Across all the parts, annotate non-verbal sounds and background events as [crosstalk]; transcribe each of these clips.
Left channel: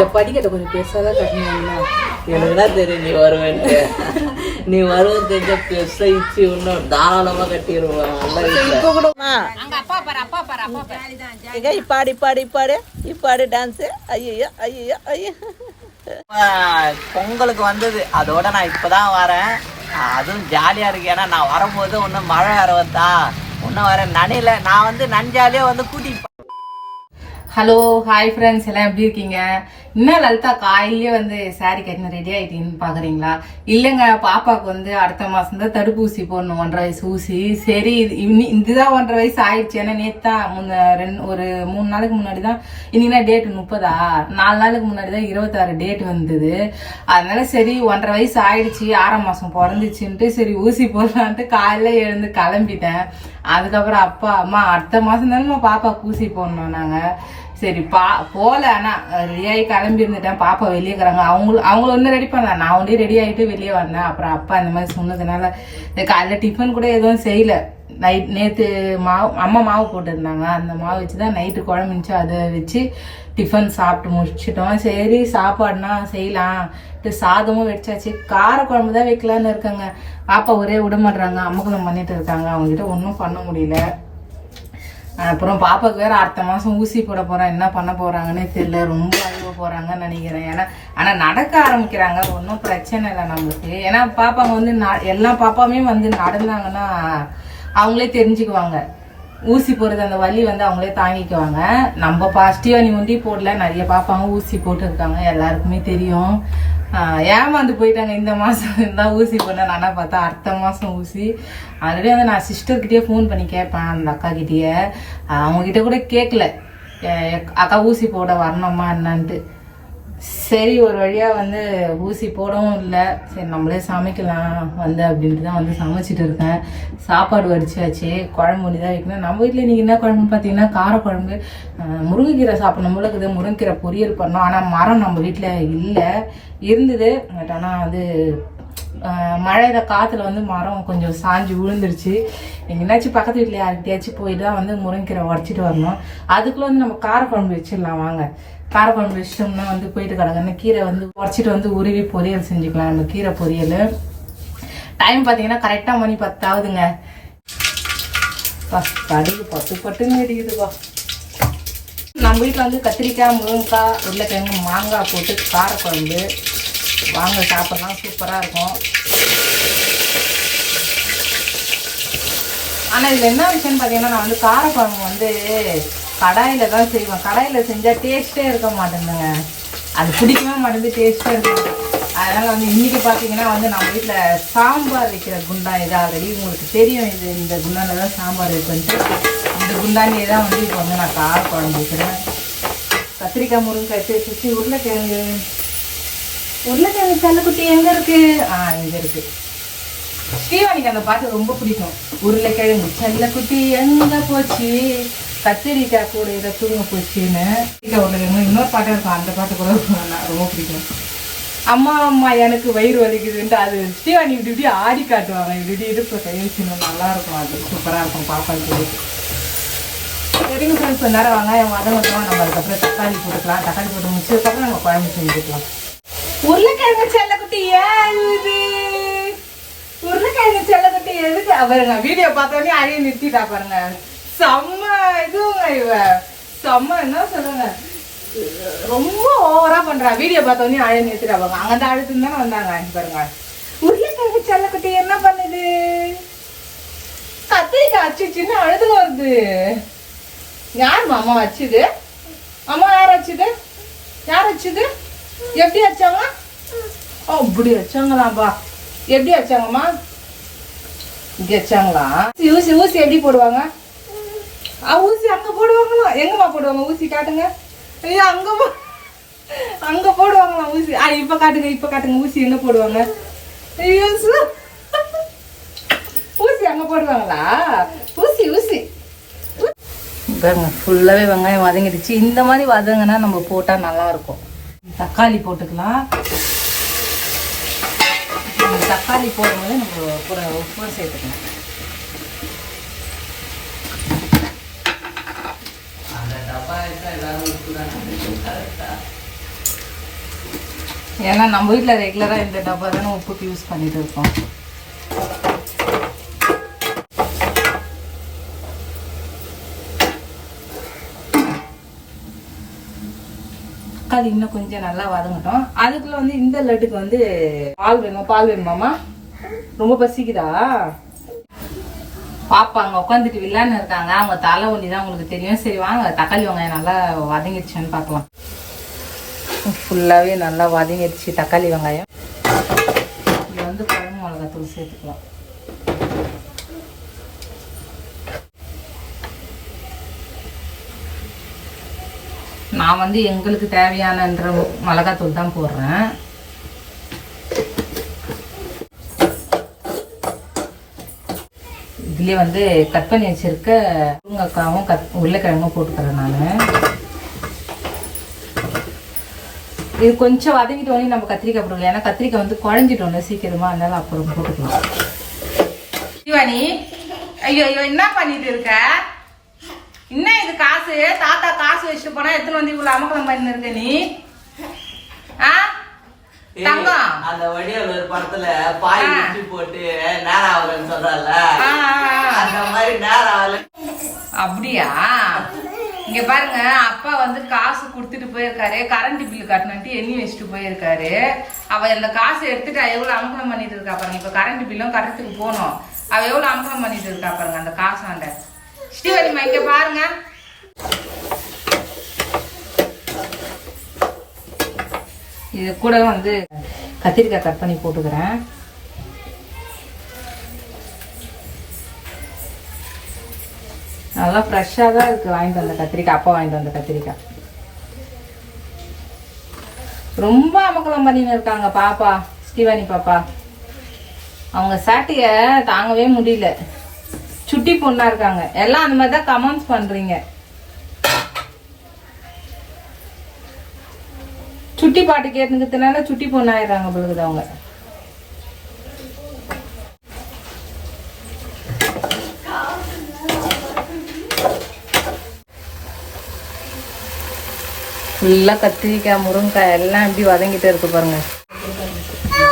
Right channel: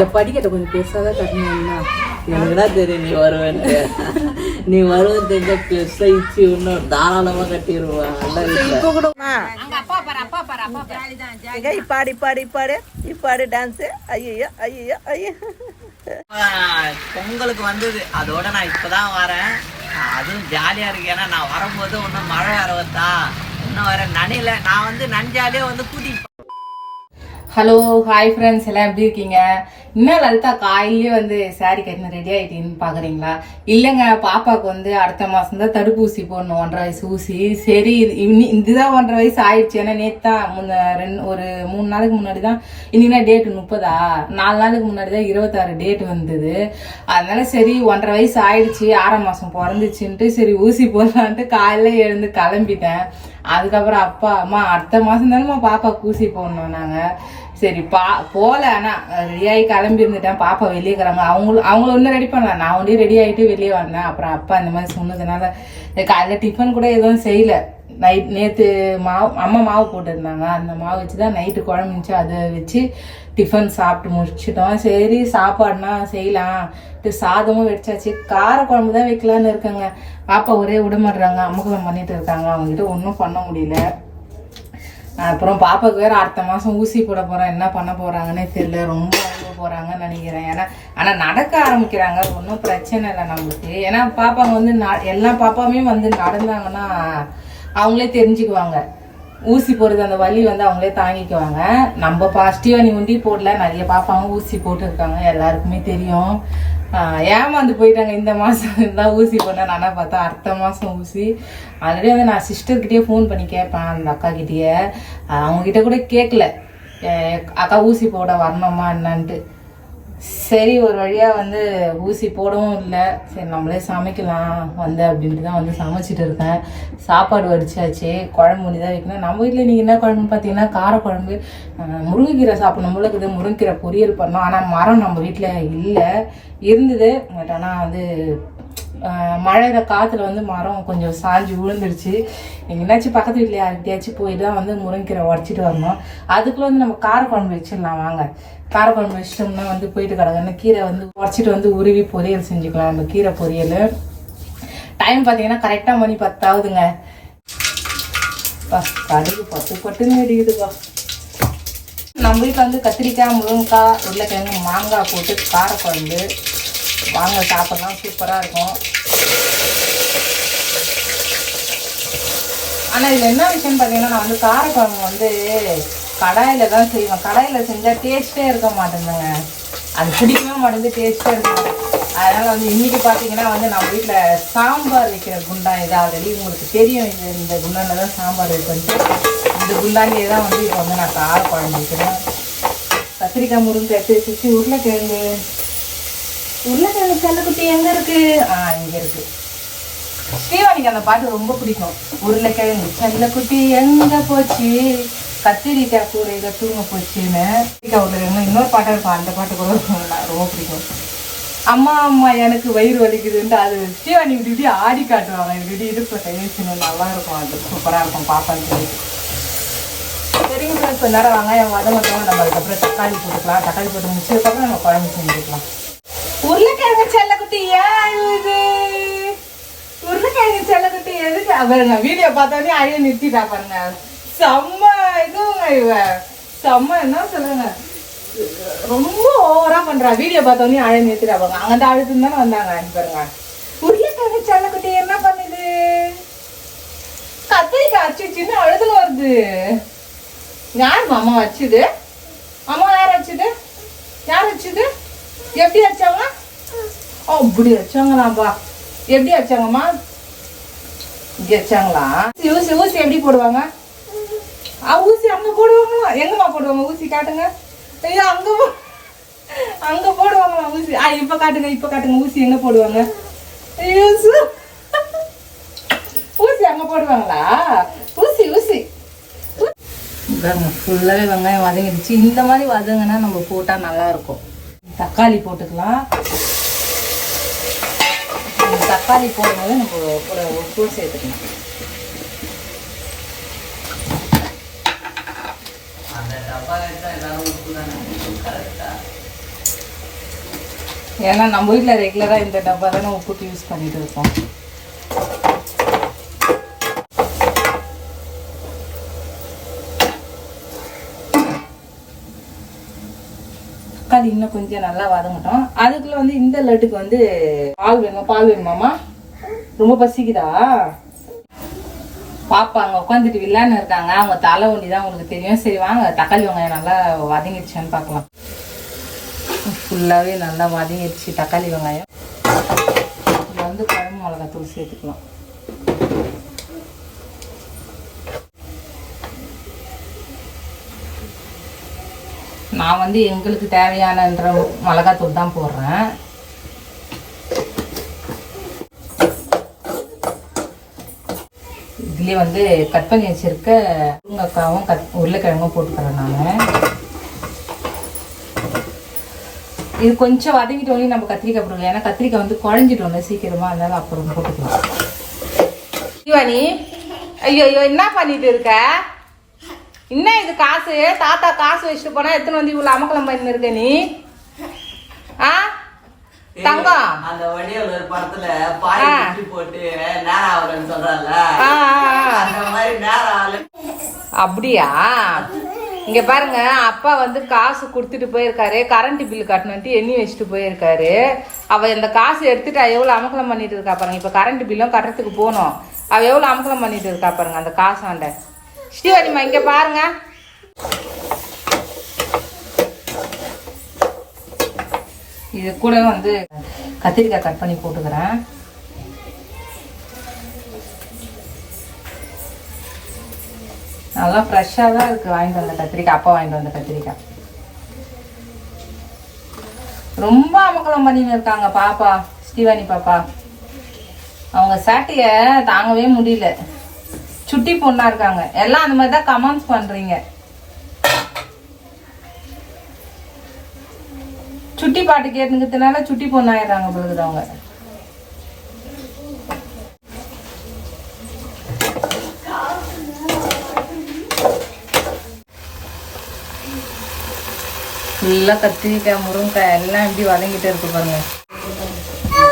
இந்த படிக்கட்டை கொஞ்சம் பெருசாக தான் கட்டணும்னா எனக்குனா தெரியும் நீ வருவேன்ட்டு. நீ வருவ தெரிஞ்ச பெருசா இச்சு இன்னும் தாராளமா கட்டிடுவேன் நல்லா இப்போ கூட இப்பாடு இப்பாடு இப்பாடு. இப்பாடு டான்ஸ் ஐயோ ஐயோ ஐயோ பொங்கலுக்கு வந்தது. அதோட நான் இப்பதான் வரேன். அதுவும் ஜாலியா இருக்கு. ஏன்னா நான் வரும்போது ஒன்றும் மழை வேற வந்தா இன்னும் வேற நனையில. நான் வந்து நஞ்சாலே வந்து கூட்டி ஹலோ ஹாய் ஃப்ரெண்ட்ஸ் எல்லாம் எப்படி இருக்கீங்க? இன்னும் லலிதா காலையிலேயே வந்து சாரி கட்டின ரெடி ஆகிட்டீங்கன்னு பார்க்குறீங்களா இல்லைங்க பாப்பாவுக்கு வந்து அடுத்த மாதம் தான் தடுப்பூசி போடணும் ஒன்றரை வயசு ஊசி. சரி இது இதுதான் ஒன்றரை வயசு ஆயிடுச்சு. ஏன்னா நேற்று தான் முன்ன ரெண்டு ஒரு மூணு நாளைக்கு முன்னாடி தான் இன்னைக்கு டேட்டு முப்பதா? நாலு நாளுக்கு முன்னாடி தான் இருபத்தாறு டேட் வந்தது. அதனால சரி ஒன்றரை வயசு ஆயிடுச்சு ஆறாம் மாதம் பிறந்துச்சுன்ட்டு சரி ஊசி போடலான்ட்டு காலையில் எழுந்து கிளம்பிட்டேன். அதுக்கப்புறம் அப்பா அம்மா அடுத்த மாசம் தானே பாப்பா பூசி போடணும் நாங்க. சரி பா போல ஆனால் ரெடியாகி கிளம்பி இருந்துட்டேன் பாப்பா வெளியே இருக்கிறாங்க அவங்களும் அவங்கள ஒன்றும் ரெடி பண்ணல. நான் ஒன்றே ரெடி ஆகிட்டு வெளியே வந்தேன். அப்புறம் அப்பா இந்த மாதிரி சொன்னதுனால காலையில் டிஃபன் கூட எதுவும் செய்யலை. நைட் நேற்று மாவு அம்மா மாவு போட்டுருந்தாங்க. அந்த மாவு வச்சு தான் நைட்டு குழம்பு இருந்துச்சு. அதை வச்சு டிஃபன் சாப்பிட்டு முடிச்சிட்டோம். சரி சாப்பாடுனா செய்யலாம். இது சாதமும் வெடிச்சாச்சு. கார குழம்பு தான் வைக்கலான்னு இருக்காங்க. பாப்பா ஒரே விட மாட்றாங்க அம்மக்கலம் பண்ணிட்டு இருக்காங்க. அவங்ககிட்ட ஒன்றும் பண்ண முடியல. அப்புறம் பாப்பாவுக்கு வேற அடுத்த மாதம் ஊசி போட போறேன். என்ன பண்ண போகிறாங்கன்னே தெரியல. ரொம்ப அழுவ போகிறாங்கன்னு நினைக்கிறேன். ஏன்னா ஆனால் நடக்க ஆரம்பிக்கிறாங்க. ஒன்றும் பிரச்சனை இல்லை நமக்கு ஏன்னா பாப்பாங்க வந்து எல்லா பாப்பாவுமே வந்து நடந்தாங்கன்னா அவங்களே தெரிஞ்சுக்குவாங்க. ஊசி போடுறது அந்த வலி வந்து அவங்களே தாங்கிக்குவாங்க. நம்ம பாசிட்டிவாக நீ உண்டி போடல நிறைய பாப்பாங்க ஊசி போட்டுருக்காங்க எல்லாருக்குமே தெரியும். ஏமாந்து போயிட்டாங்க இந்த மாதம் தான் [laughs] ஊசி போட்டேன் நானா பார்த்தா அடுத்த மாதம் ஊசி. ஆல்ரெடி வந்து நான் சிஸ்டர்கிட்டயே ஃபோன் பண்ணி கேட்பேன் அந்த அக்கா அவங்கக்கிட்ட கூட கேட்கல. அக்கா ஊசி போட வரணுமா என்னான்ட்டு. சரி ஒரு வழியா வந்து ஊசி போடவும் இல்லை. சரி நம்மளே சமைக்கலாம் வந்து அப்படின்ட்டு தான் வந்து சமைச்சிட்டு இருக்கேன். சாப்பாடு வடிச்சாச்சு குழம்பு ஒன்று தான் வைக்கணும். நம்ம வீட்டில் இன்னைக்கு என்ன குழம்புன்னு பார்த்தீங்கன்னா காரக்குழம்பு. முருங்கைக்கீரை சாப்பிடணும். போல இருக்குது முருங்கைக்கீரை பொரியல் பண்ணோம். ஆனால் மரம் நம்ம வீட்டில் இல்லை. இருந்தது. பட் ஆனால் அது ஆஹ் மழையில காத்துல வந்து மரம் கொஞ்சம் சாஞ்சு விழுந்துருச்சு. எங்கேனாச்சும் பக்கத்து வீட்டில் யார்கிட்டயாச்சும் போய் தான் வந்து முருங்கைக்கீரை உடச்சிட்டு வரணும். அதுக்குள்ள வந்து நம்ம காரக்குழம்பு வச்சிடலாம். வாங்க. காரக்குழம்பு வச்சிட்டோம்னா வந்து போயிட்டு கிடக்குன்னு கீரை வந்து உடச்சிட்டு வந்து உருவி பொரியல் செஞ்சுக்கலாம். நம்ம கீரை பொரியல். டைம் பார்த்தீங்கன்னா கரெக்டாக மணி பத்தாவதுங்க. அடிக்கு பத்து பட்டுன்னு அடிக்குதுப்பா நம்ம வீட்டில் வந்து கத்திரிக்காய் முருங்கைக்காய் உருளைக்கிழங்கு மாங்காய் போட்டு காரக்குழம்பு வாங்க சாப்பிட்லாம். சூப்பராக இருக்கும். ஆனால் இதில் என்ன விஷயம்னு பார்த்தீங்கன்னா நான் வந்து காரக்குழம்பு வந்து கடாயில் தான் செய்வேன் கடாயில் செஞ்சால் டேஸ்ட்டே இருக்க மாட்டேங்குங்க அது பிடிக்கவே மாட்டேங்குது டேஸ்ட்டே இருக்கும் அதனால் வந்து இன்றைக்கி பார்த்தீங்கன்னா வந்து நம்ம வீட்டில் சாம்பார் வைக்கிற குண்டான் இது ஆல்ரெடி உங்களுக்கு தெரியும். இது இந்த குண்டானில் தான் சாம்பார் வைப்பேன்ட்டு. இந்த குண்டானிலே தான் வந்து இப்போ வந்து நான் கார் வைக்கிறேன் கத்திரிக்காய் முருங்கை எடுத்து சுற்றி உருளைக்கிழங்கு. உருளைக்கிழங்கு செல்லக்குட்டி எங்கே இருக்குது ஆ இங்கே இருக்குது ஸ்ரீவாணிக்கு அந்த பாட்டு ரொம்ப பிடிக்கும். உருளைக்கிழங்கு செல்லக்குட்டி எங்கே போச்சு? கத்தரிக்காய் கூட இதை தூங்க போச்சுன்னு. கத்திரிக்காய் இன்னொரு பாட்டு இருக்கும் அந்த பாட்டு கூட ரொம்ப பிடிக்கும். அம்மா அம்மா எனக்கு வயிறு வலிக்குதுன்ட்டு அது ஸ்ரீவாணி இப்படி இப்படி ஆடி காட்டுவாங்க இப்படி இப்படி இடுப்பு கையெழுத்து நல்லா இருக்கும். அது சூப்பராக இருக்கும் பாப்பாக்கு சரிங்க ஃப்ரெண்ட்ஸ் கொஞ்ச நேரம் வாங்க. அதை மட்டும் நம்ம அதுக்கப்புறம் தக்காளி போட்டுக்கலாம். தக்காளி போட்டு முடிச்சதுக்கப்புறம் நம்ம குழம்பு செஞ்சுக்கலாம். உருளைக்கிழங்கு செல்லக்குட்டி ஏன் இது உருளைக்கிழங்கு செல்லக்குட்டி எதுக்கு அவருங்க வீடியோ பார்த்தோன்னே அதையே நிறுத்திட்டா பாருங்க. செம்ம இதுங்க இவ. செம்ம என்ன சொல்லுங்க? ரொம்ப ஓவரா பண்றா. வீடியோ பார்த்தோன்னே அழைய நிறுத்திடுவாங்க பாருங்க. அங்க தானே வந்தாங்க இங்க பாருங்க. உருளைக்கிழங்கு செல்லக்குட்டி என்ன பண்ணுது? கத்திரிக்காய் அச்சுச்சுன்னு அழுது வருது. யார் அம்மா வச்சுது அம்மா யார் வச்சுது யார் வச்சுது எப்படி வச்சாங்க ஓ இப்படி வச்சாங்களாப்பா எப்படி வச்சாங்கம்மா இப்படி வச்சாங்களா ஊசி ஊசி எப்படி போடுவாங்க? ஊசி அங்க போடுவாங்களா? எங்கம்மா போடுவாங்க ஊசி? காட்டுங்க. ஐயா அங்க போ அங்க போடுவாங்களா ஊசி? ஆ இப்ப காட்டுங்க இப்ப காட்டுங்க. ஊசி எங்க போடுவாங்க? ஐயோ ஊசி அங்க போடுவாங்களா? ஊசி ஊசி. பாருங்க ஃபுல்லாகவே வெங்காயம் வதங்கிடுச்சு. இந்த மாதிரி வதங்கினா நம்ம போட்டால் நல்லா இருக்கும் தக்காளி போட்டுக்கலாம். தக்காளி போடும்போது நம்ம கூட உப்பு சேர்த்துக்கணும் அந்த டப்பா எடுத்தா ஏதாவது உப்பு தானே கரெக்டா ஏன்னா நம்ம வீட்டில் ரெகுலராக இந்த டப்பா தானே உப்புக்கு யூஸ் பண்ணிட்டு இருக்கோம். தக்காளி இன்னும் கொஞ்சம் நல்லா வதங்கட்டும். அதுக்குள்ள வந்து இந்த லட்டுக்கு வந்து பால் வேணுமா? பால் வேணுமாம்மா? ரொம்ப பசிக்குதா? பாப்பா அங்கே உட்காந்துட்டு வில்லான்னு இருக்காங்க. அவங்க தலை ஒண்டி தான் உங்களுக்கு தெரியும். சரி வாங்க. தக்காளி வெங்காயம் நல்லா வதங்கிடுச்சுன்னு பார்க்கலாம். ஃபுல்லாகவே நல்லா வதங்கிடுச்சு தக்காளி வெங்காயம். இதில் வந்து குழம்பு மிளகாத்தூள் சேர்த்துக்கலாம். நான் வந்து எங்களுக்கு தேவையானன்ற மிளகாத்தூள் தான் போடுறேன். இதுலேயே வந்து கட் பண்ணி வச்சிருக்க முருங்கக்காவும் கத் உருளைக்கிழங்கும் போட்டுக்கிறேன் நான் இது கொஞ்சம் வதங்கிட்டோன்னே நம்ம கத்திரிக்காய் போடுவோம் ஏன்னா கத்திரிக்காய் வந்து குழஞ்சிட்டோன்னு சீக்கிரமா அதனால அப்புறம் போட்டுக்கலாம். சிவானி ஐயோ ஐயோ என்ன பண்ணிட்டு இருக்க? என்ன இது காசு? தாத்தா காசு வச்சுட்டு போனா எத்தனை வந்து இவ்வளவு அமக்கலம் பண்ணிருக்க நீ? தங்கம். அந்த வடிவில் ஒரு படத்துல பாய் குச்சி போட்டு நேரம் ஆகலன்னு சொல்றல. அந்த மாதிரி நேரம் ஆகல அப்படியா? இங்க பாருங்க அப்பா வந்து காசு கொடுத்துட்டு போயிருக்காரு. கரண்ட் பில் கட்டணுன்ட்டு எண்ணி வச்சுட்டு போயிருக்காரு. அவ இந்த காசு எடுத்துட்டு அவ எவ்வளவு அமக்கலம் பண்ணிட்டு இருக்கா பாருங்க. இப்ப கரண்ட் பில்லும் கட்டுறதுக்கு போகணும் அவ எவ்வளவு அமக்கலம் பண்ணிட்டு இருக்கா பாருங்க அந்த காசு ஆண்ட ஸ்ரீவரிமா இங்க பாருங்க. இது கூட வந்து கத்திரிக்காய் கட் பண்ணி போட்டுக்கிறேன். நல்லா ஃப்ரெஷ்ஷாக தான் இருக்குது வாங்கிட்டு வந்த கத்திரிக்காய் அப்பா வாங்கிட்டு வந்த கத்திரிக்காய். ரொம்ப அமக்கலம் பண்ணின்னு இருக்காங்க பாப்பா ஸ்ரீவாணி பாப்பா. அவங்க சேட்டைய தாங்கவே முடியல. சுட்டி பொண்ணாக இருக்காங்க. எல்லாம் அந்த மாதிரி தான் கமெண்ட்ஸ் பண்ணுறீங்க சுட்டி பாட்டு கேட்டுக்கிறதுனால சுட்டி பொண்ணாயிடுறாங்க பொழுது அவங்க. ஃபுல்லாக கத்திரிக்காய் முருங்கைக்காய் எல்லாம் இப்படி வதங்கிட்டு இருக்கு பாருங்க.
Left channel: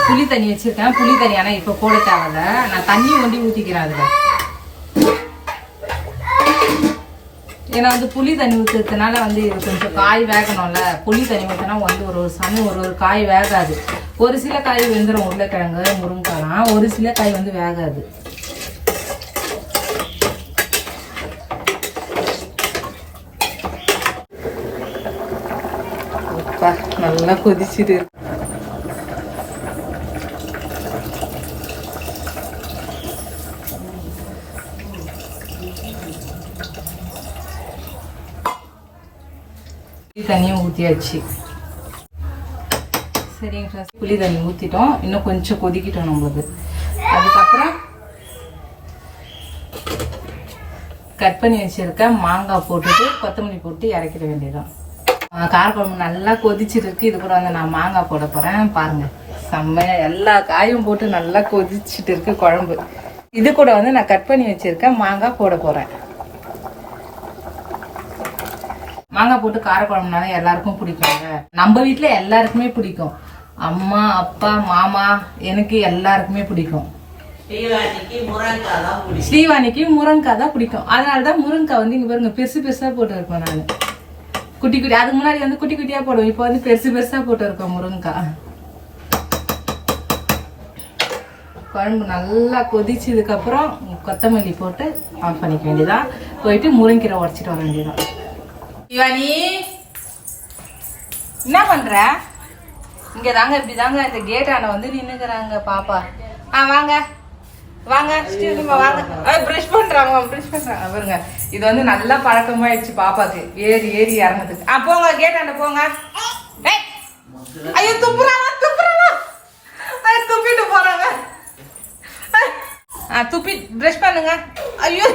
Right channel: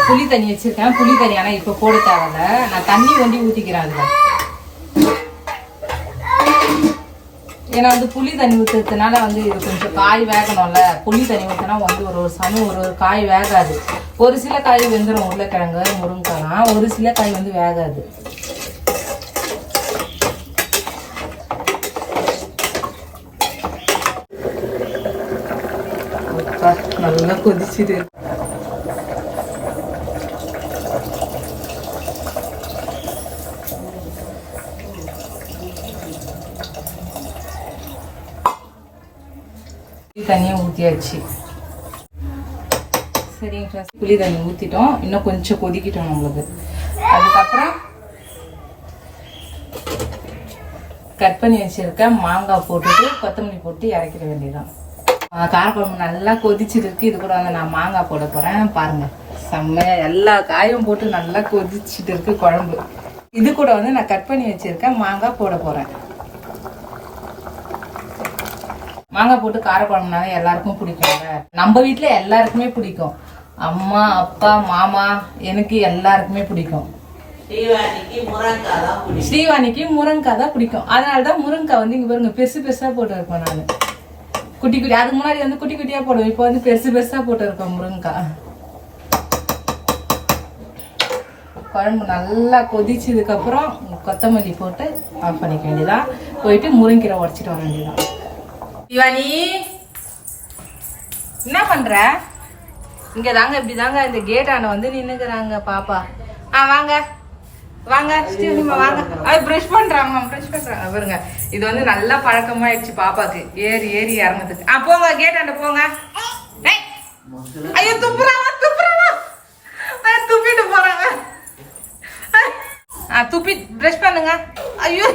புளி தண்ணி வச்சிருக்கேன். புளி தண்ணி ஆனால் இப்போ போட தேவையில்ல. நான் தண்ணி ஒண்டி ஊற்றிக்கிறேன் அதில். ஏன்னா வந்து புளி தண்ணி ஊற்றுறதுனால வந்து இது கொஞ்சம் காய் வேகணும்ல. புளி தண்ணி ஊற்றினா வந்து ஒரு ஒரு சமயம் ஒரு ஒரு காய் வேகாது. ஒரு சில காய் வெந்துடும் உருளைக்கிழங்கு முருங்கைக்காய்லாம் ஒரு சில காய் வந்து வேகாது. அப்பா, நல்லா கொதிச்சுது புளி தண்ணியை ஊற்றியாச்சு சரிங்க புளி தண்ணி ஊற்றிட்டோம் இன்னும் கொஞ்சம் கொதிக்கிட்டோம் நம்மளுக்கு. அதுக்கப்புறம் கட் பண்ணி வச்சிருக்க மாங்காய் போட்டுட்டு கொத்தமல்லி போட்டு இறக்கிட வேண்டியதான் காரக்குழம்பு நல்லா கொதிச்சிருக்கு. இது கூட வந்து நான் மாங்காய் போட போகிறேன் பாருங்க. செம்மையாக எல்லா காயும் போட்டு நல்லா கொதிச்சிட்டு இருக்கு குழம்பு. இது கூட வந்து நான் கட் பண்ணி வச்சிருக்கேன் மாங்காய் போட போகிறேன் மாங்காய் போட்டு காரக்குழம்புனால எல்லாருக்கும் பிடிக்கும்ல நம்ம வீட்ல எல்லாருக்குமே பிடிக்கும். அம்மா அப்பா மாமா எனக்கு எல்லாருக்குமே பிடிக்கும். ஸ்ரீவாணிக்கு முருங்கைக்காய் தான் பிடிக்கும். அதனால தான் முருங்கைக்காய் வந்து இங்க பாருங்க பெருசு பெருசா போட்டு இருப்பேன் நான். குட்டி குட்டி அதுக்கு முன்னாடி வந்து குட்டி குட்டியா போடுவேன் இப்போ வந்து பெருசு பெருசா போட்டு இருக்கேன் முருங்கைக்காய். குழம்பு நல்லா கொதிச்சதுக்கு அப்புறம் கொத்தமல்லி போட்டு ஆஃப் பண்ணிக்க வேண்டியதான் போயிட்டு முருங்கீரை உடச்சிட்டு வர வேண்டியதான் சிவானி என்ன பண்ற? இங்க தாங்க இப்படி தாங்க இந்த கேட்டாண்ட வந்து நின்னுக்குறாங்க பாப்பா. ஆ வாங்க. வாங்க ஸ்ரீனிமா வாங்க. அது ப்ரஷ் பண்றாங்க ப்ரஷ் பண்றாங்க. பாருங்க. இது வந்து நல்ல பழக்கமாயிடுச்சு பாப்பாக்கு. ஏறி ஏறி இறங்குறதுக்கு. ஆ போங்க கேட்டாண்ட போங்க. ஐயோ துப்புறாங்க துப்புறாங்க. துப்பிட்டு போறாங்க. ஆ துப்பி ப்ரஷ் பண்ணுங்க. ஐயோ.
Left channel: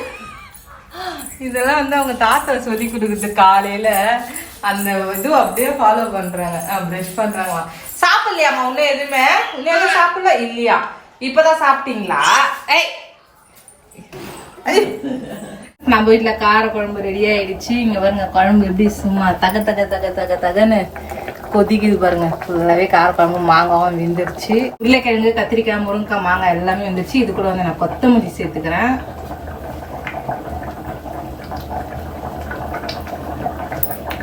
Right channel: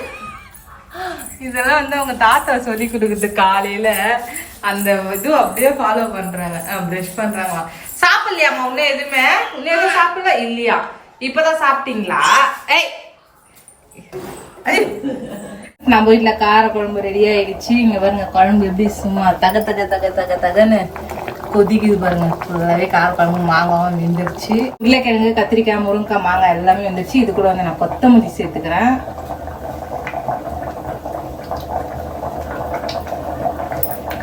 இதெல்லாம் வந்து அவங்க தாத்தா சொல்லி கொடுக்குறது காலையில. அந்த இது அப்படியே ஃபாலோ பண்றாங்க. ப்ரஷ் பண்றாங்க சாப்பிடலையாம்மா உன்ன எதுவுமே? உன்ன எதுவும் சாப்பிடல? இல்லையா? இப்பதான் சாப்பிட்டீங்களா? ஏய். நம்ம வீட்ல கார குழம்பு ரெடி ஆயிடுச்சு. இங்க பாருங்க குழம்பு எப்படி சும்மா தக தக தக தக தகன்னு கொதிக்குது பாருங்க. ஃபுல்லாகவே காரக்குழம்பு மாங்காவும் வெந்துருச்சு. உருளைக்கிழங்கு கத்திரிக்காய் முருங்கைக்காய் மாங்காய் எல்லாமே வந்துருச்சு. இது கூட வந்து நான் கொத்தமல்லி சேர்த்துக்கிறேன்.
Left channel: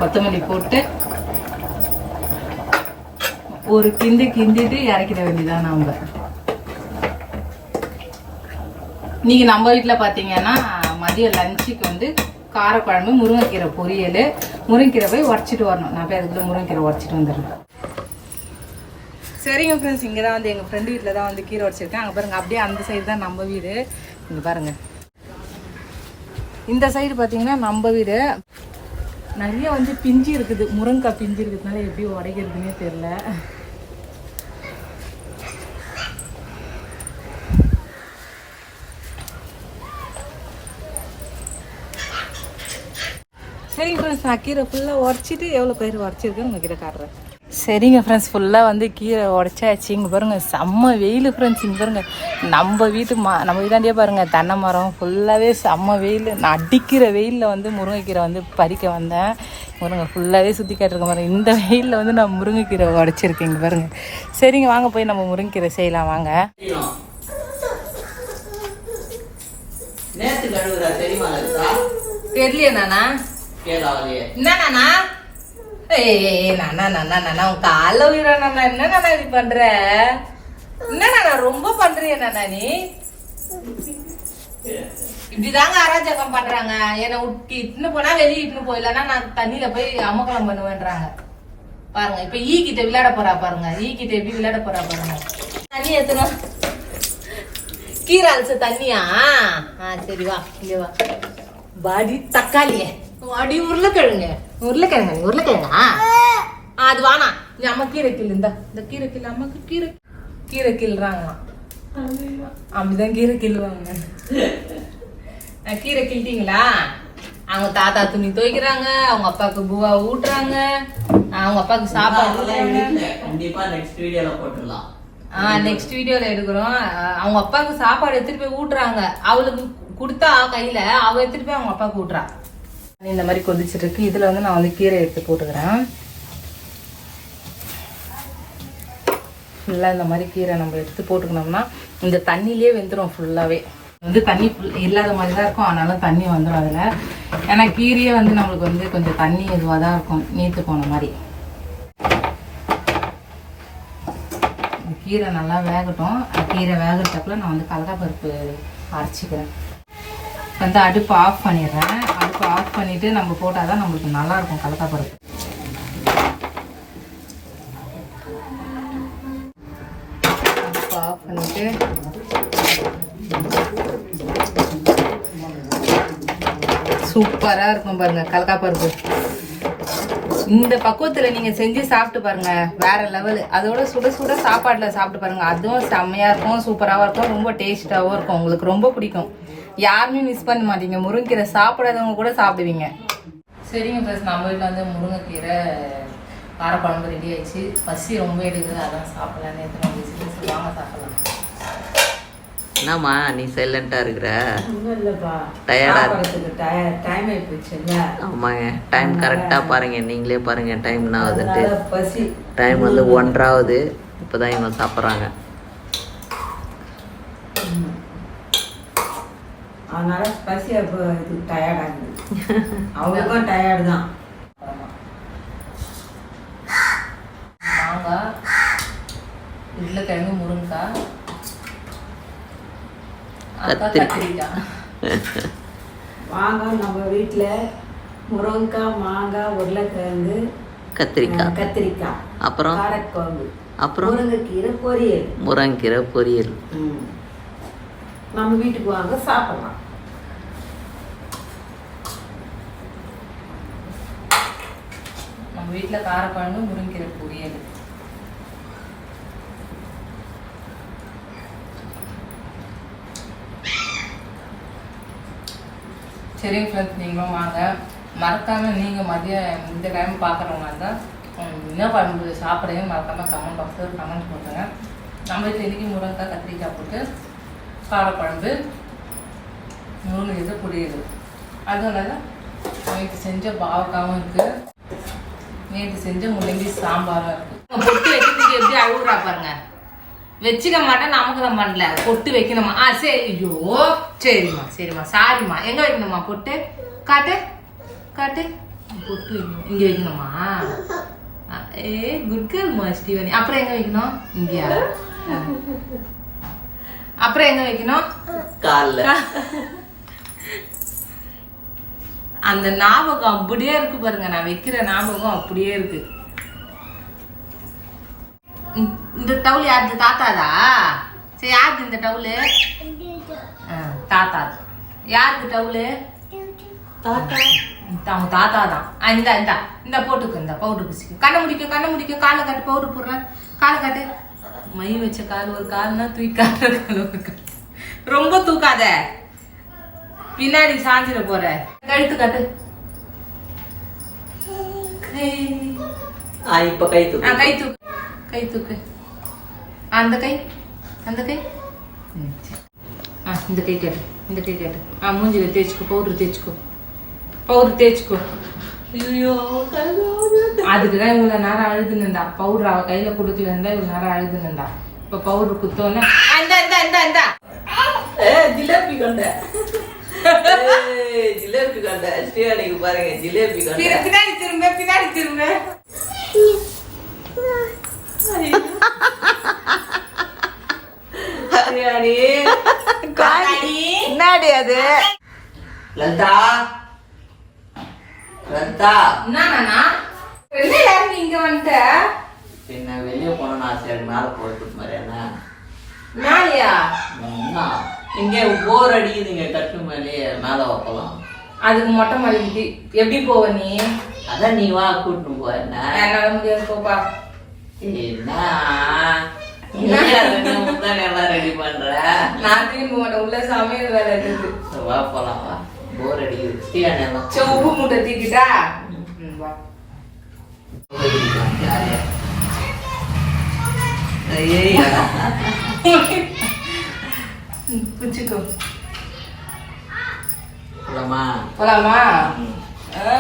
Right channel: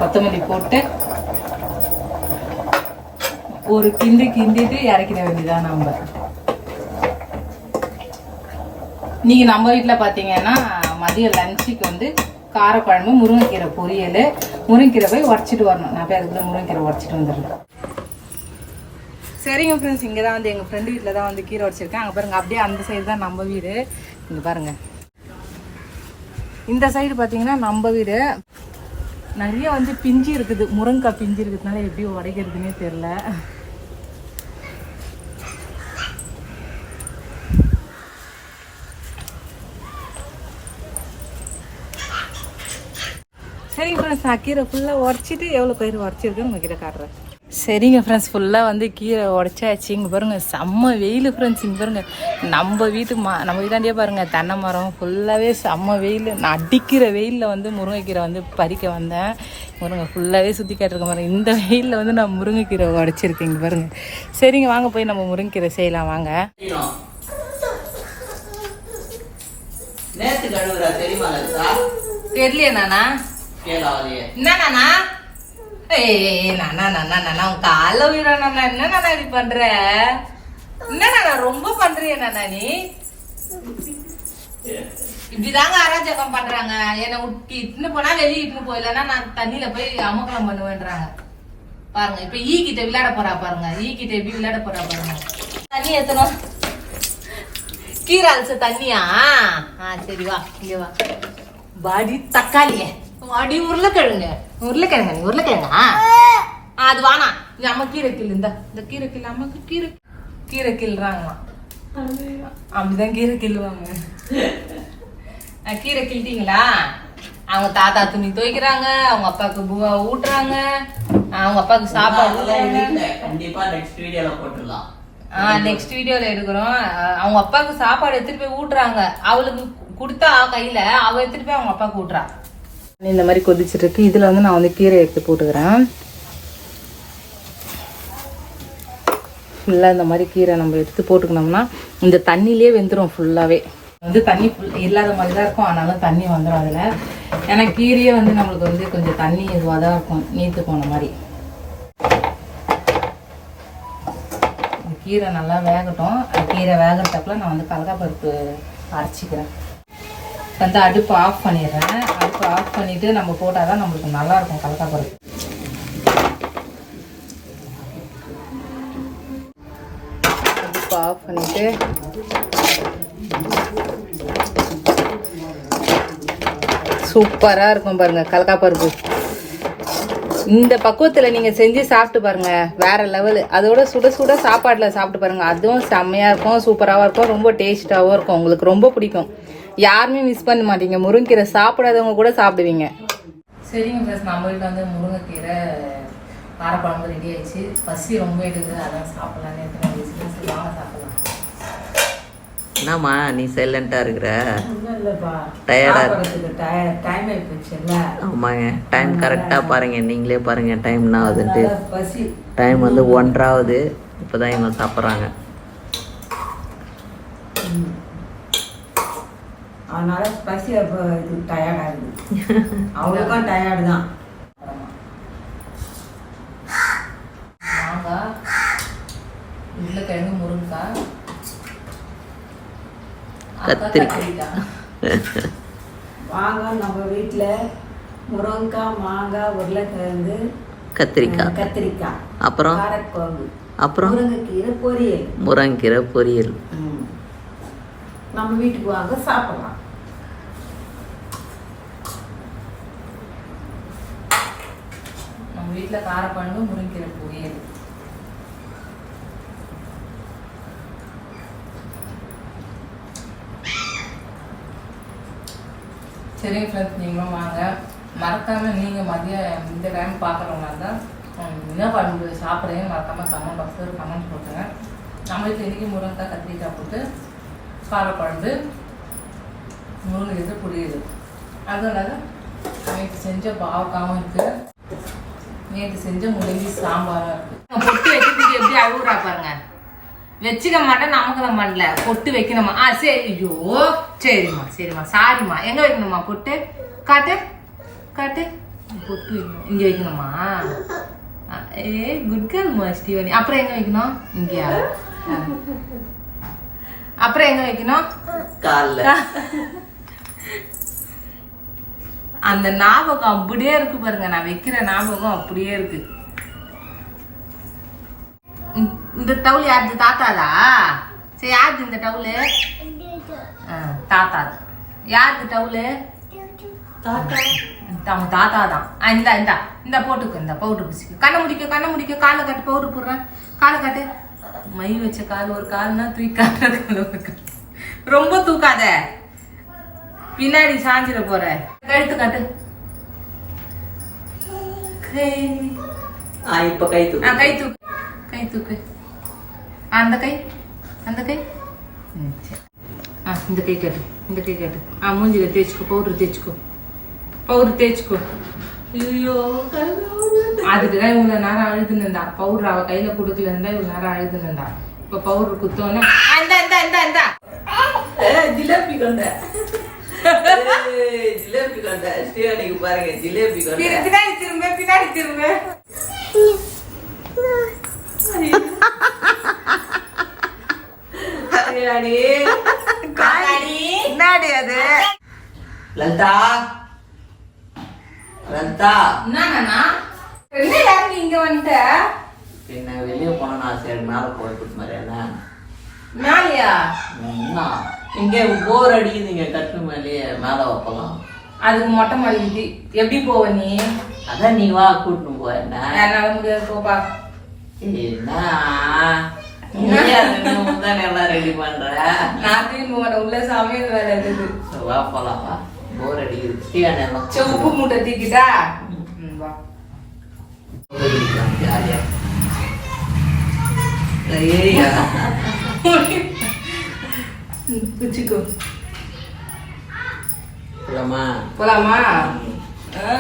கொத்தமல்லி போட்டு ஒரு கிண்டு கிண்டிட்டு இறக்கிட வேண்டியதான் நம்ம. நீங்க நம்ம வீட்டில் பார்த்தீங்கன்னா மதியம் லஞ்சுக்கு வந்து காரக்குழம்பு முருங்கைக்கீரை பொரியல் முருங்கைக்கீரை போய் உடச்சிட்டு வரணும். நான் போய் அதுக்குள்ள முருங்கைக்கீரை உடச்சிட்டு வந்துடுறேன். சரிங்க ஃப்ரெண்ட்ஸ் இங்கே தான் வந்து எங்கள் ஃப்ரெண்டு வீட்டில் தான் வந்து கீரை உடச்சிருக்கேன். அங்கே பாருங்க அப்படியே அந்த சைடு தான் நம்ம வீடு. இங்கே பாருங்க. இந்த சைடு பார்த்தீங்கன்னா நம்ம வீடு. நிறைய வந்து பிஞ்சு இருக்குது. முருங்கைக்காய் பிஞ்சு இருக்கிறதுனால எப்படி உடைக்கிறதுனே தெரில சரிங்க ஃப்ரெண்ட்ஸ் நான் கீரை ஃபுல்லாக உரைச்சிட்டு எவ்வளோ பயிர் உடச்சிருக்கேன்னு உங்ககிட்ட காட்டுறேன். சரிங்க ஃப்ரெண்ட்ஸ் ஃபுல்லாக வந்து கீரை உடச்சாச்சு. இங்கே பாருங்க செம்ம வெயில் ஃப்ரெண்ட்ஸ் இங்கே பாருங்க நம்ம வீட்டு மா நம்ம வீட்டாண்டியே பாருங்க தென்னை மரம் ஃபுல்லாகவே செம்ம வெயில். நான் அடிக்கிற வெயிலில் வந்து முருங்கைக்கீரை வந்து பறிக்க வந்தேன். பாருங்க ஃபுல்லாகவே சுற்றி காட்டிருக்கேன் பாருங்க இந்த வெயிலில் வந்து நான் முருங்கைக்கீரை உடச்சிருக்கேன் இங்கே பாருங்க. சரிங்க வாங்க போய் நம்ம முருங்கைக்கீரை செய்யலாம் வாங்க. தெரியலையே நானா? என்னண்ணா ஏய் நானா நானா நானா உன் கால உயிரா நானா? என்ன நானா இப்படி பண்ற? என்னண்ணா ரொம்ப பண்றிய நானா நீ? இப்படிதாங்க அராஜகம் பண்றாங்க. என்னை உட்டி இட்டுன்னு போனா வெளியே இட்டுன்னு போயிடலன்னா நான் தண்ணியில போய் அமக்கலம் பண்ணுவேன்றாங்க. பாருங்க இப்ப ஈ கிட்ட விளையாட போறா பாருங்க. ஈ கிட்ட எப்படி விளையாட போறா பாருங்க. தண்ணி ஏத்தணும். கீரை அலச தண்ணியா? ஆ சரி வா இங்க வா. வாடி தக்காளிய. வாடி உருளைக்கிழங்க. உருளைக்கிழங்க நீ உருளைக்கிழங்கா? ஆ, அது வானா நீ அம்மா கீரை கிள்ளு இந்த. இந்த கீரை கிள்ளு அம்மாக்கு கீரை. கீரை கிள்றாங்களாம். அப்படிதான் கீரை கிள்ளுவாங்க. ஆ, கீரை கிள்ளிட்டீங்களா அவங்க தாத்தா துணி துவைக்கிறாங்க அவங்க அப்பாவுக்கு பூவா ஊட்டுறாங்க அவங்க அப்பாவுக்கு சாப்பாடு கண்டிப்பா நெக்ஸ்ட் வீடியோல போட்டுடலாம். ஆ நெக்ஸ்ட் வீடியோல எடுக்கிறோம். அவங்க அப்பாவுக்கு சாப்பாடு எடுத்துட்டு போய் ஊட்டுறாங்க. அவளுக்கு கொடுத்தா கையில அவ எடுத்துட்டு போய் அவங்க அப்பாவுக்கு ஊட்டுறா. இந்த மாதிரி கொதிச்சிட்டு இருக்கு இதுல வந்து நான் வந்து கீரை எடுத்து போட்டுக்கிறேன். ஃபுல்லாக இந்த மாதிரி கீரை நம்ம எடுத்து போட்டுக்கணும்னா இந்த தண்ணியிலே வெந்துடும் ஃபுல்லாகவே வந்து தண்ணி ஃபுல் இல்லாத மாதிரி தான் இருக்கும். ஆனாலும் தண்ணி வந்துடும் அதில். ஏன்னா கீரையே வந்து நம்மளுக்கு வந்து கொஞ்சம் தண்ணி இதுவாக தான் இருக்கும். நீத்து போன மாதிரி. கீரை நல்லா வேகட்டும். கீரை வேகிறதுக்குள்ள நான் வந்து கடலைப்பருப்பு அரைச்சிக்கிறேன். வந்து அடுப்பு ஆஃப் பண்ணிடுறேன். அடுப்பு ஆஃப் பண்ணிவிட்டு நம்ம போட்டால் தான் நம்மளுக்கு நல்லாயிருக்கும் கடலைப்பருப்பு அடுப்பு ஆஃப் பண்ணிவிட்டு சூப்பராக இருக்கும் பாருங்க கடலைப்பருப்பு இந்த பக்குவத்துல நீங்க செஞ்சு சாப்பிட்டு பாருங்க வேற லெவல் அதோட சுட சுட சாப்பாடுல சாப்பிட்டு பாருங்க. அதுவும் செம்மையா இருக்கும் சூப்பராகவும் இருக்கும் ரொம்ப டேஸ்ட்டாகவும் இருக்கும். உங்களுக்கு ரொம்ப பிடிக்கும். யாருமே மிஸ் பண்ண மாட்டீங்க. முருங்கீரை சாப்பிடாதவங்க கூட சாப்பிடுவீங்க. சரிங்க ப்ளஸ் நம்ம வீட்டில் வந்து முருங்கைக்கீரை காரக்குழம்பு ரெடி ஆயிடுச்சு. பசி ரொம்ப எடுக்குது அதான் சாப்பிடலான்னு எத்தனை வாங்க சாப்பிடலாம். என்னம்மா நீ சைலண்டா இருக்கிற? ஒன்றும் இல்லைப்பா. டயர்டா சாப்பிட்றதுக்கு டைம் ஆகி போச்சுல்ல ஆமாங்க. டைம் கரெக்டா பாருங்க. நீங்களே பாருங்க டைம் என்ன ஆகுதுன்ட்டு டைம் வந்து ஒன்றாவது. இப்போதான் இவங்க சாப்பிட்றாங்க. அதனால பசி அப்போ இது டயர்ட் ஆகுது. [laughs] அவங்களுக்கும் டயர்டு தான். மாங்காய் உருளைக்கிழங்கு முருங்கைக்காய் கத்திரிக்காய். வாங்க நம்ம வீட்டில் முருங்கைக்காய் மாங்காய் உருளைக்கிழங்கு கத்திரிக்காய் கத்திரிக்காய் அப்புறம்? காரக்குழம்பு அப்புறம்? முருங்கைக்கீரை பொரியல். முருங்கீரை பொரியல். நம்ம வீட்டுக்கு வாங்க சாப்பிடலாம். நம்ம வீட்டில் காரக்குழம்பு முருங்கீரை பொரியல். சரிங்க ஃப்ரெண்ட்ஸ் நீங்களும் வாங்க. மறக்காம நீங்கள் மதியம் இந்த டைம் பார்க்குறவங்க இருந்தால் என்ன குழம்பு சாப்பிடுங்க மறக்காமல் கமெண்ட் பாக்ஸில் கமெண்ட் போட்டுங்க நம்ம வீட்டில் இன்றைக்கி முருங்கைக்காய் கத்திரிக்காய் போட்டு காரக்குழம்பு முருங்கைக்கீரை இது அதுவும் இல்லாத நேற்று செஞ்ச பாவக்காவும் இருக்குது நேற்று செஞ்ச முள்ளங்கி சாம்பாரும் இருக்குது பொட்டு வைக்கிறதுக்கு எப்படி அழுகுறா பாருங்க. வச்சுக்க மாட்டேன் நமக்கு தான் பண்ணல பொட்டு வைக்கணுமா? ஆ சரி ஐயோ சரிம்மா சரிம்மா சாரிம்மா. எங்க வைக்கணுமா பொட்டு? காட்டு காட்டு. பொட்டு வைக்கணும். இங்க வைக்கணுமா? ஏ குட் கேர்ள்மா ஸ்டீவனி அப்புறம் எங்க வைக்கணும்? இங்கயா. அப்புறம் எங்க வைக்கணும்? அந்த ஞாபகம் அப்படியே இருக்கு பாருங்க. நான் வைக்கிற ஞாபகம் அப்படியே இருக்கு. இந்த- டவுல் யாருது? தாத்தாதா? சரி யாருது இந்த டவுலு? ஆ, தாத்தாது. யாருக்கு டவுலு? அவங்க தாத்தா தான் இந்தா இந்தா. இந்த போட்டுக்கு இந்த. பவுடர் பூசிக்க. கண்ணை முடிக்க கண்ணை முடிக்க. காலை காட்டு பவுடர் போடுறேன். காலை காட்டு. மை வச்ச கால் ஒரு கால்னா தூக்கி காட்டுற கால் ஒரு கால். ரொம்ப தூக்காத. பின்னாடி சாஞ்சிட போற. கழுத்து காட்டு. கை இப்போ கை தூக்கு. கை தூக்கு. கை தூக்கு. அந்த கை. அந்த கை. ஆ இந்த கை காட்டு. இந்த கை காட்டு. ஆ மூஞ்சில தேய்ச்சிக்கோ பவுடர் தேய்ச்சிக்கோ. பவுடர் தேய்ச்சிக்கோ. ஐயோ அதுக்கு தான் இவ்வளோ நேரம் அழுதுன்னு இருந்தா பவுடர் அவ கையில கொடுக்கல இருந்தா இவ்வளோ நேரம் அழுதுன்னு இருந்தா இப்போ பவுடர் குத்தோன்னே இந்தா இந்தா இந்தா ஏ, ஜிலேபி கொண்ட. ஜிலேபி கொண்ட. ஸ்ரீவாணிக்கு பாருங்க ஜிலேபி கொண்ட. பின்ன- பின்னாடி திரும்ப பின்னாடி திரும்ப. என்னடி அது? லலிதா? லலிதா? என்னண்ணா? என்ன யாரும் இங்க வந்துட்ட? பின்ன வெளியே போனா நான் சரி மேலே போட்டு மாதிரி என்ன? என்ன? இங்கே போர் அடிக்குதுங்க கட்டு மேலேயே மேலே வைக்கலாம் அதுக்கு மொட்டை மாடிக்கு. எப்படி போவ நீ? அதான் நீ வா கூட்டின்னு போ என்ன? முடியாது போப்பா ரெடி பண்ற? நான் திரும்ப மாட்டேன் உள்ள சமையல் வேலை இருக்குது. வா போலாம் வா. போர் அடிக்குது. உப்பு மூட்டை தூக்கிட்டா வா. ஜாலியா ஏரியா? குச்சிக்கோ. போலாமா? போலாமா? ஆ.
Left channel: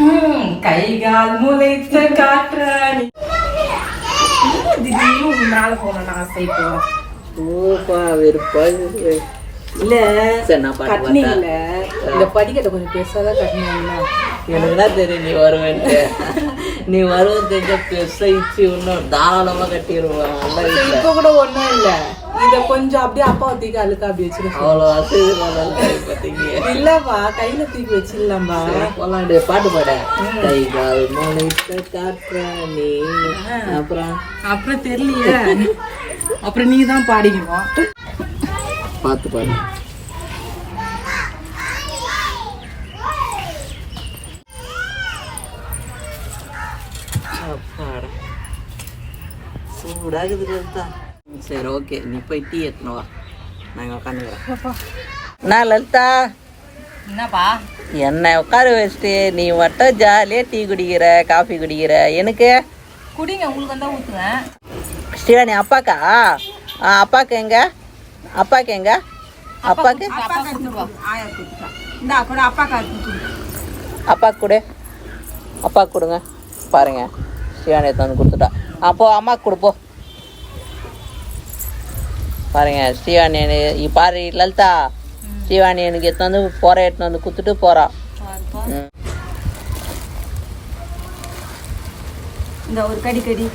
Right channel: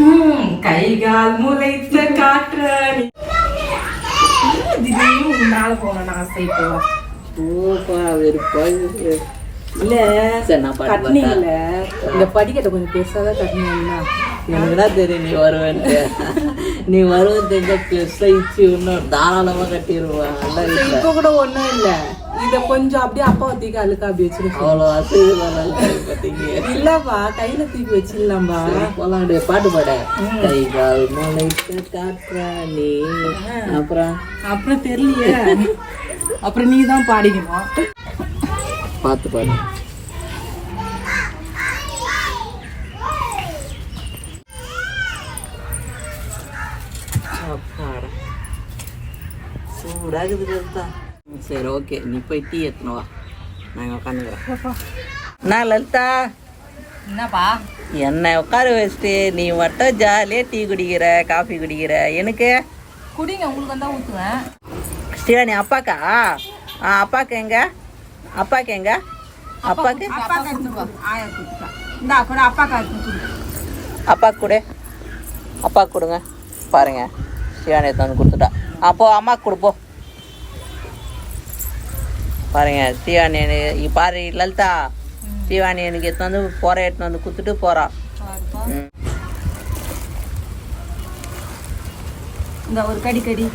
ம், கை கால் முளைத்த காற்றாணி ஏன் திடீர்னு மேல போகணும்னு ஆசை இப்போ. ஓப்பா வெறுப்பா இல்ல கட்டினீங்கல்ல இந்த படிக்கட்டை கொஞ்சம் பெருசாதான் கட்டினீங்கன்னா எனக்கு தான் தெரியும் நீ வருவேன்ட்டு. நீ வருவேன் தெரிஞ்ச பெருசா இச்சு இன்னும் தாராளமா கட்டிடுவேன் இல்லை இப்ப கூட ஒண்ணும் இல்ல. இத கொஞ்சம் அப்படியே அப்பா தூக்கி அழுக்கா அப்படி வச்சிருக்கோம் அவ்வளோ வசதி இல்லப்பா கையில தூக்கி வச்சிடலாம்பா. போலாம் பாட்டு பாட. கை கால் முளைத்த காற்றாணி அப்புறம்? அப்புறம் தெரியலையே. அப்புறம் நீ தான் பாடிக்கணும். பார்த்து பாடு அப்பாடா சூடாகுது தான் சரி ஓகே. நீ போய் டீ எடுத்துன்னு வா. நாங்கள் உட்காந்துக்கிறோம் நான் லலிதா. என்னப்பா? என்னை உட்கார வச்சுட்டு நீ மட்டும் ஜாலியாக டீ குடிக்கிற காஃபி குடிக்கிற. எனக்கு? குடிங்க உங்களுக்கு வந்தா ஊத்துவேன். ஸ்ரீவாணி அப்பாக்கா? ஆ அப்பாக்கு எங்க? அப்பாக்கு எங்க? அப்பாக்கு ஆயா கொடுத்துட்டா இந்தா கூட அப்பா கொடு அப்பாக்கு கொடு. அப்பாக்கு கொடுங்க. பாருங்க. ஸ்ரீவாணி எடுத்து வந்து கொடுத்துட்டா. அப்போ அம்மாக்கு கொடுப்போ பாருங்க ஸ்ரீவாணி எனக்கு- இ- பாரு லலிதா. ஸ்ரீவாணி எனக்கு எடுத்து வந்து போற எடுத்து வந்து கொடுத்துட்டு போறா. இந்த ஒரு கடி கடி.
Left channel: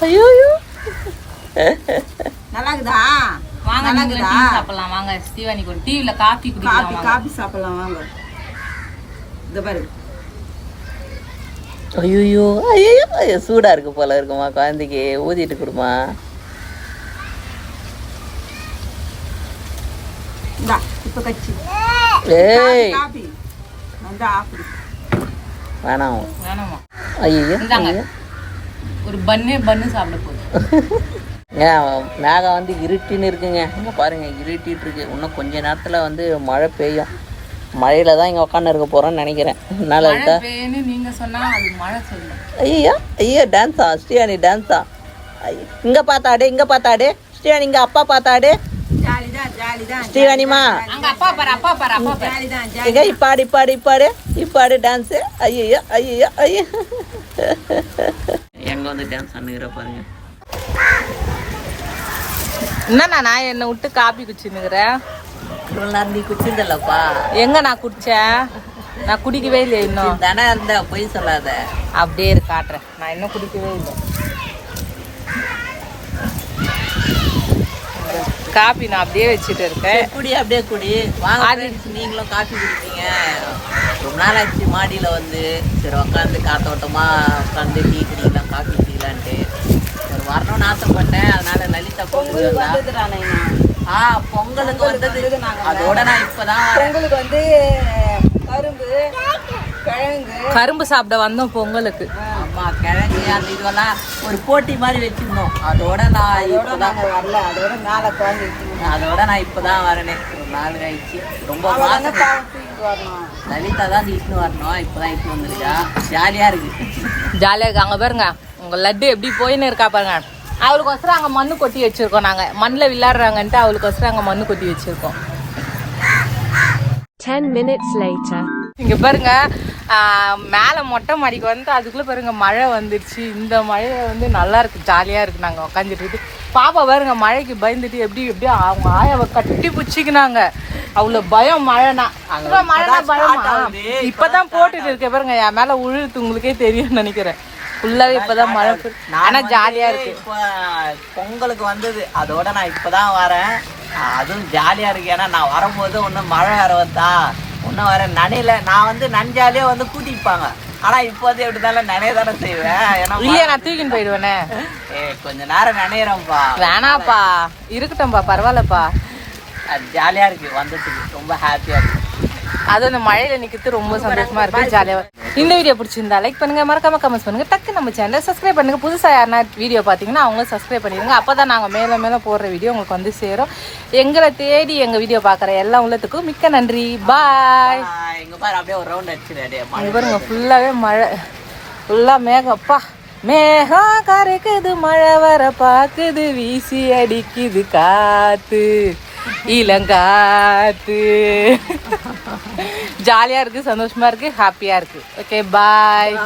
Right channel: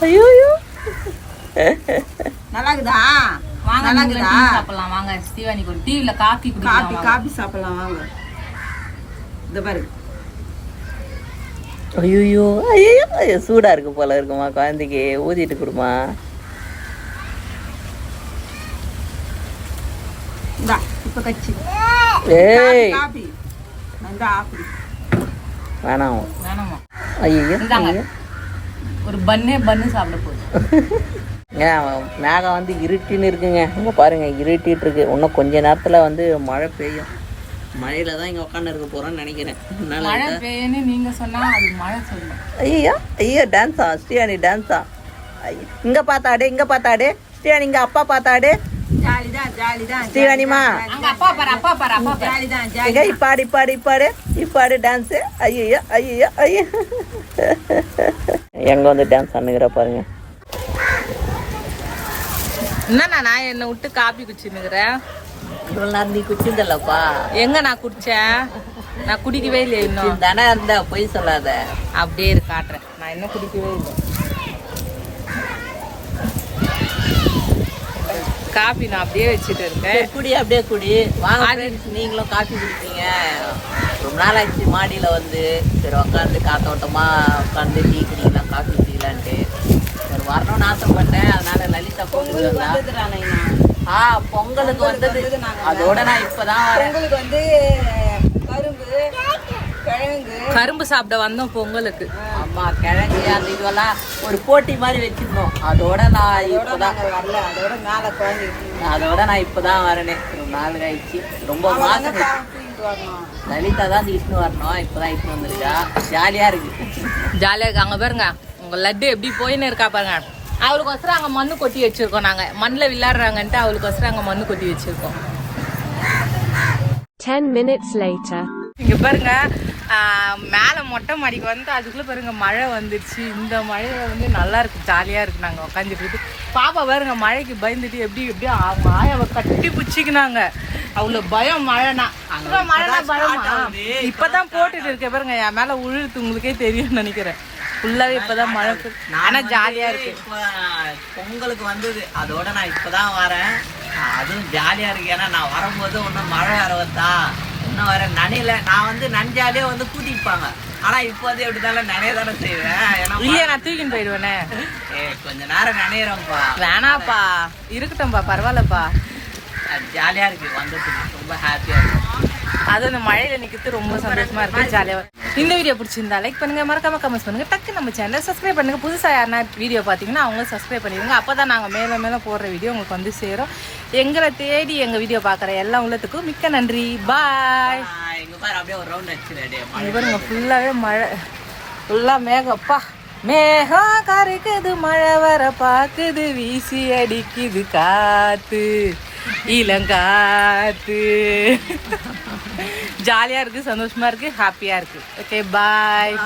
ஐயோ ஐயோ. நல்லா இருக்குதா வாங்க நல்லா இருக்குதா? சாப்பிடலாம் வாங்க. ஸ்ரீவாணிக்கு ஒரு டிவில காஃபி காபி குடிக்கலாம் காபி சாப்பிடலாம் வாங்க. இந்த பாரு. ஐயோ ஐயோ சூடா இருக்கு போல இருக்குமா குழந்தைக்கு? ஊதிட்டு கொடுமா. ஏய். வேணாம். ஐயோ ஒரு பன்னே பன்னு சாப்பிட போகுது. [laughs] ஏன் மேகம் வந்து இருட்டின்னு இருக்குங்க. இங்கே பாருங்க இருட்டிட்டு இருக்கு. இன்னும் கொஞ்ச நேரத்தில் வந்து மழை பெய்யும். மழையில தான் இங்கே உட்காந்து இருக்க போகிறோன்னு நினைக்கிறேன். என்னால் மழை பெய்யுன்னு நீங்க சொன்னா அது மழை சொல்லும்? ஐயா ஐயோ டான்ஸா ஸ்ரீயானி டான்ஸா இங்கே பார்த்தாடு இங்கே பார்த்தாடு. ஸ்ரீயானி இங்கே அப்பா பார்த்தாடு. ஸ்ரீவாணிமா எங்க இப்பாடு இப்பாடு இப்பாடு. இப்பாடு டான்ஸு ஐயோ ஐயோ ஐயோ எங்க வந்து டான்ஸ் பண்ணுகிற பாருங்க. என்னண்ணா நான் என்னை விட்டு காப்பி குச்சின்னுக்குறேன் நேரம் நீ குச்சிந்தல்லப்பா எங்க நான் குடிச்சேன்? நான் குடிக்கவே இல்லை இன்னும். தானே இருந்தா பொய் சொல்லாத. அப்படியே இரு காட்டுறேன். நான் இன்னும் குடிக்கவே இல்லை. காபி நான் அப்படியே வச்சுட்டு இருக்கேன். குடி அப்படியே குடி. வாங்க நீங்களும் காஃபி குடிப்பீங்க. ரொம்ப நாள் ஆச்சு மாடியில் வந்து. சரி உட்காந்து காத்தோட்டமா உட்காந்து டீ குடிக்கலாம் காஃபி குடிக்கலான்ட்டு. ஒரு வரணும்னு ஆசைப்பட்டேன். அதனால லலிதா பொங்கல் ஆ பொங்கலுக்கு வந்தது. அதோட நான் இப்பதான். பொங்கலுக்கு வந்து கரும்பு கிழங்கு. கரும்பு சாப்பிட வந்தோம் பொங்கலுக்கு. ஆமா கிழங்கு அந்த இதெல்லாம் ஒரு போட்டி மாதிரி வச்சிருந்தோம். அதோட நான் அதோட நாங்க வரல. அதோட மேல குழந்தை அதோட நான் இப்பதான் வரேனே. ரொம்ப நாள் கழிச்சு. ரொம்ப மாசம் வரணும். லலிதா தான் இட்டுன்னு வரணும். இப்பதான் இட்டுன்னு வந்திருக்கா. ஜாலியா இருக்கு. [laughs] ஜாலியாக இருக்கு. அங்கே பாருங்க. உங்க லட்டு எப்படி போயின்னு இருக்கா பாருங்க. அவளுக்கு வசரம் அங்கே மண்ணு கொட்டி வச்சிருக்கோம் நாங்கள் மண்ணில் விளையாடுறாங்கன்ட்டு அவளுக்கு வசரம் அங்கே மண்ணு கொட்டி வச்சிருக்கோம். 10 minutes later. இங்க பாருங்க ஆஹ், மேல மொட்டை மாடிக்கு வந்து அதுக்குள்ள பாருங்க மழை வந்துருச்சு. இந்த மழை வந்து நல்லா இருக்கு ஜாலியா இருக்கு நாங்க உட்காந்துட்டு இருக்கு. பாப்பா பாருங்க மழைக்கு பயந்துட்டு எப்படி எப்படி அவங்க ஆயாவை கட்டி பிடிச்சிக்கினாங்க. அவ்வளவு பயம் மழைனா. அங்க மழைனா பயமா. இப்பதான் போட்டுட்டு இருக்கேன் பாருங்க என் மேல உழுது உங்களுக்கே தெரியும் நினைக்கிறேன். ஃபுல்லாவே இப்பதான் மழை. ஆனா ஜாலியா இருக்கு. பொங்கலுக்கு வந்தது. அதோட நான் இப்பதான் வரேன். அதுவும் ஜாலியா இருக்கு. ஏன்னா நான் வரும்போது ஒன்றும் மழை வேற வந்தா இன்னும் வர நனையில. நான் வந்து நஞ்சாலே வந்து கூட்டிப்பாங்க. ஆனா இப்போ வந்து எப்படி இருந்தாலும் நனைய தானே செய்வேன். ஏன்னா இல்லையா நான் தூக்கின்னு போயிடுவேனே? ஏ கொஞ்ச நேரம் நனையிறோம்ப்பா வேணாப்பா. இருக்கட்டும்பா பரவாயில்லப்பா. அது ஜாலியா இருக்கு. வந்ததுக்கு ரொம்ப ஹாப்பியா இருக்கு. அது அந்த மழையில நிக்கிறது ரொம்ப சந்தோஷமா இருக்கு. ஜாலியா இருக்கு. இந்த வீடியோ பிடிச்சிருந்தா லைக் பண்ணுங்க மறக்காம கமெண்ட்ஸ் பண்ணுங்க. டக்கு நம்ம சேனல் சப்ஸ்கிரைப் பண்ணுங்க. புதுசா யாருனா வீடியோ பாத்தீங்கன்னா அவங்க சப்ஸ்கிரைப் பண்ணிடுங்க. அப்பதான் நாங்க மேல மேல போடுற வீடியோ உங்களுக்கு வந்து சேரும். எங்களை தேடி எங்க வீடியோ பாக்குற எல்லா உள்ளத்துக்கும் மிக்க நன்றி. பாய் அப்படியே ஒரு ரவுண்ட் அடிச்சிரு அப்படியே மழை பாருங்க ஃபுல்லாவே மழை. ஃபுல்லா மேகம். அப்பா மேகம் கரைக்குது மழை வர பாக்குது வீசி அடிக்குது காத்து. இளங்காத்து. ஜாலியா இருக்கு சந்தோஷமா இருக்கு ஹாப்பியா இருக்கு. Okay bye